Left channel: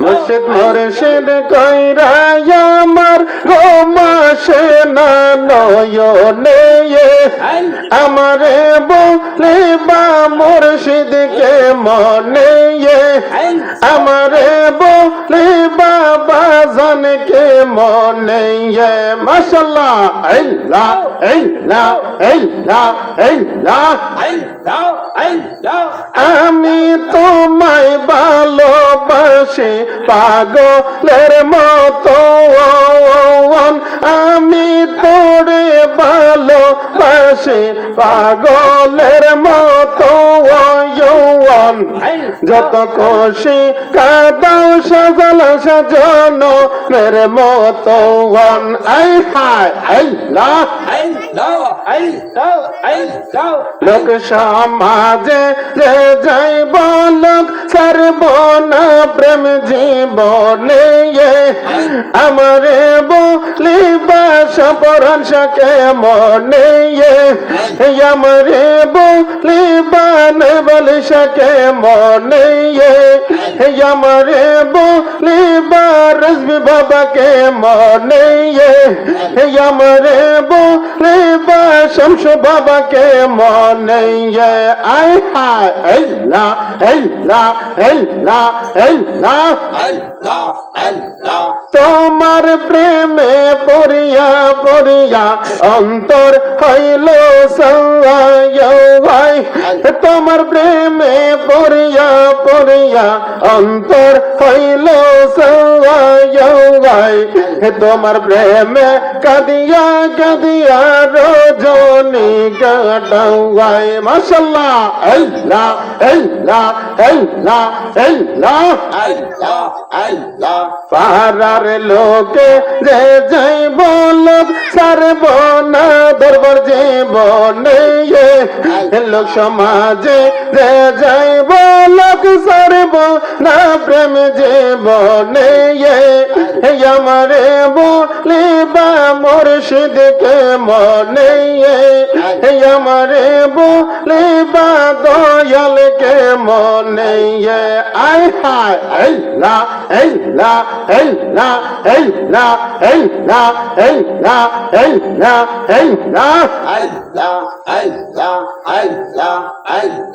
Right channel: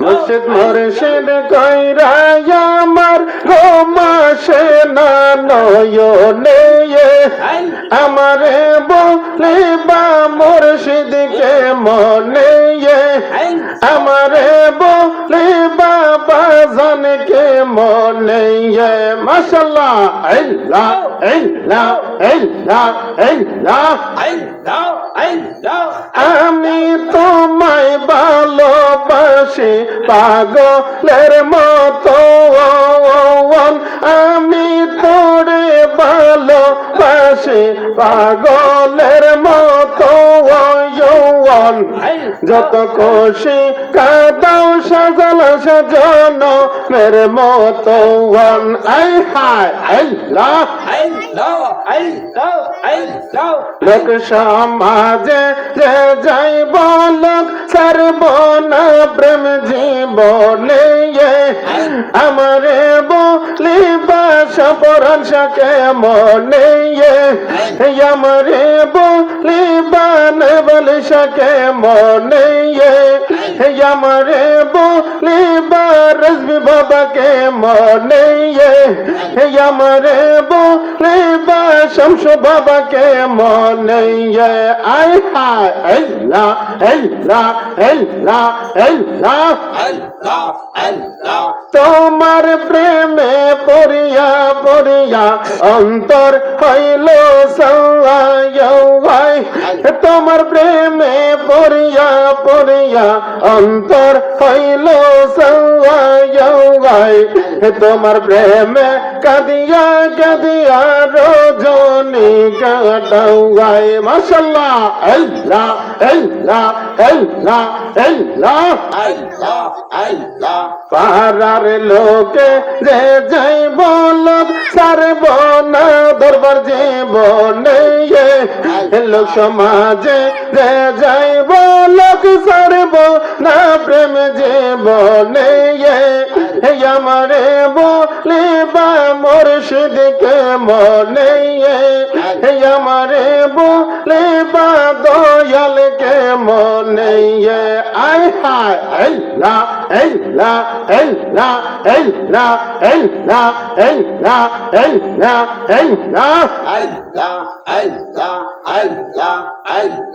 মুর্শিদ মুর্শিদ কইরা আমার গোমাসে না নয়নে আমারে বলিবা মুর্শিদকে মনে আমারে বলিবা বাজানকে মনে মাশাআল্লাহ আল্লাহ আল্লাহ আল্লাহ আল্লাহ আমি তোমায় ভালোবাসি পাগলের মতো আমি তোরে ভালোবাসি পাগলের মতো যত খুশি কাদাও সাজালা সাজানো মেরে মতো আই হায় আল্লাহ লোক সমাজে যে যাই বলক সারব না প্রেম জীবনে আমারে বলিবা সপরান সকে মনে আমারে বলিবা বলি সকে মনে আমারে বলিবা রজবি বাবাকে মনে আমারে বলিবা শমশ বাবাকে মনে আয় হায় আল্লাহ আল্লাহ আল্লাহ আল্লাহ তোমার প্রেমে পড়িয়া পড়িয়া অন্তর হইল সওয়াই তোমার প্রেমে পড়িয়া পড়িয়া অন্তর হইল সওয়াই তোমার প্রেমে কাঁদিয়া কাঁদিয়া রজনী কাটাই মাশাআল্লাহ আল্লাহ আল্লাহ আল্লাহ আল্লাহ আল্লাহ আল্লাহ পাহাড়ের লোকে যে যাই বলক সারব না দরবার জীবনে লোক সমাজে যে যাই বলক সারব না প্রেম জীবনে আমারে বলিবা মুর্শিদকে মনে আমারে বলিবা দয়ালকে মনে আয় হায় আল্লাহ আল্লাহ আল্লাহ আল্লাহ আল্লাহ আল্লাহ আল্লাহ আল্লাহ আল্লাহ আল্লাহ আল্লাহ আল্লাহ